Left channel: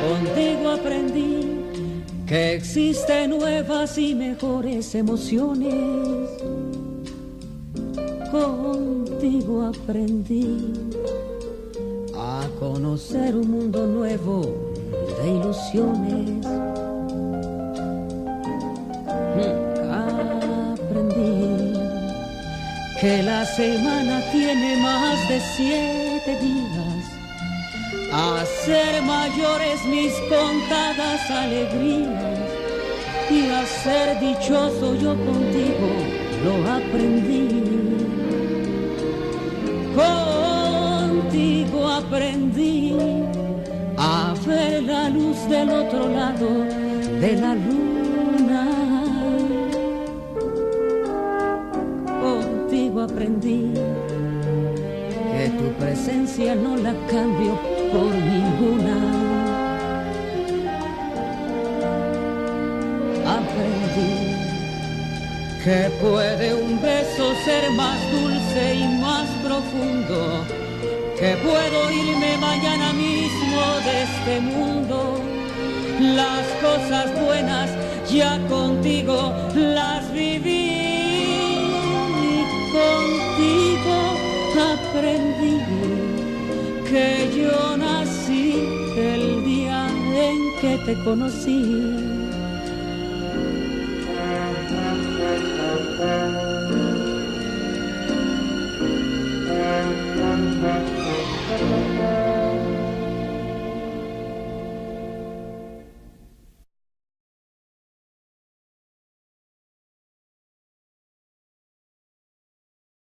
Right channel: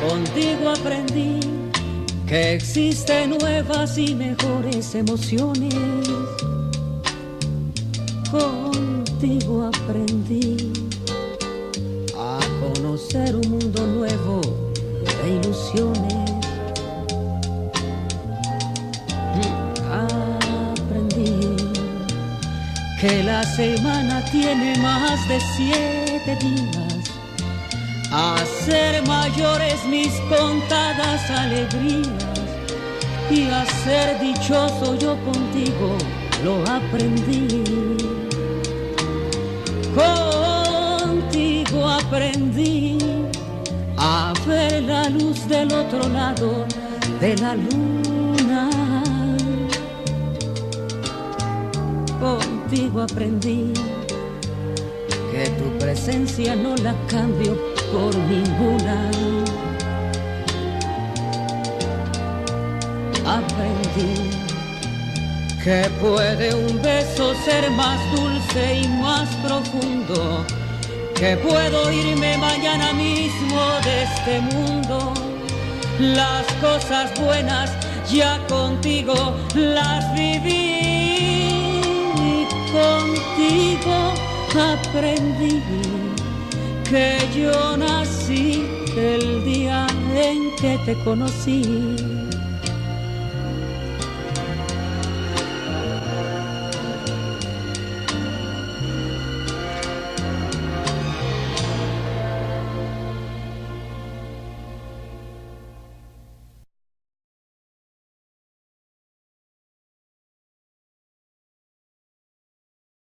Contigo aprendí que existen nuevas y mejores emociones. Contigo aprendí a conocer un mundo nuevo de ilusiones. Aprendí que la semana tiene más de 7 días, a ser mayores mis contadas alegrías y a ser dichoso yo contigo lo aprendí. Contigo aprendí a ver la luz del otro lado de la luna. Contigo aprendí que tu presencia no la cambio por ninguna. Aprendí que puede un beso ser más dulce y más profundo, que puedo irme mañana mismo de este mundo. Las cosas buenas ya contigo las viví y contigo aprendí que yo nací el día en que te conocí.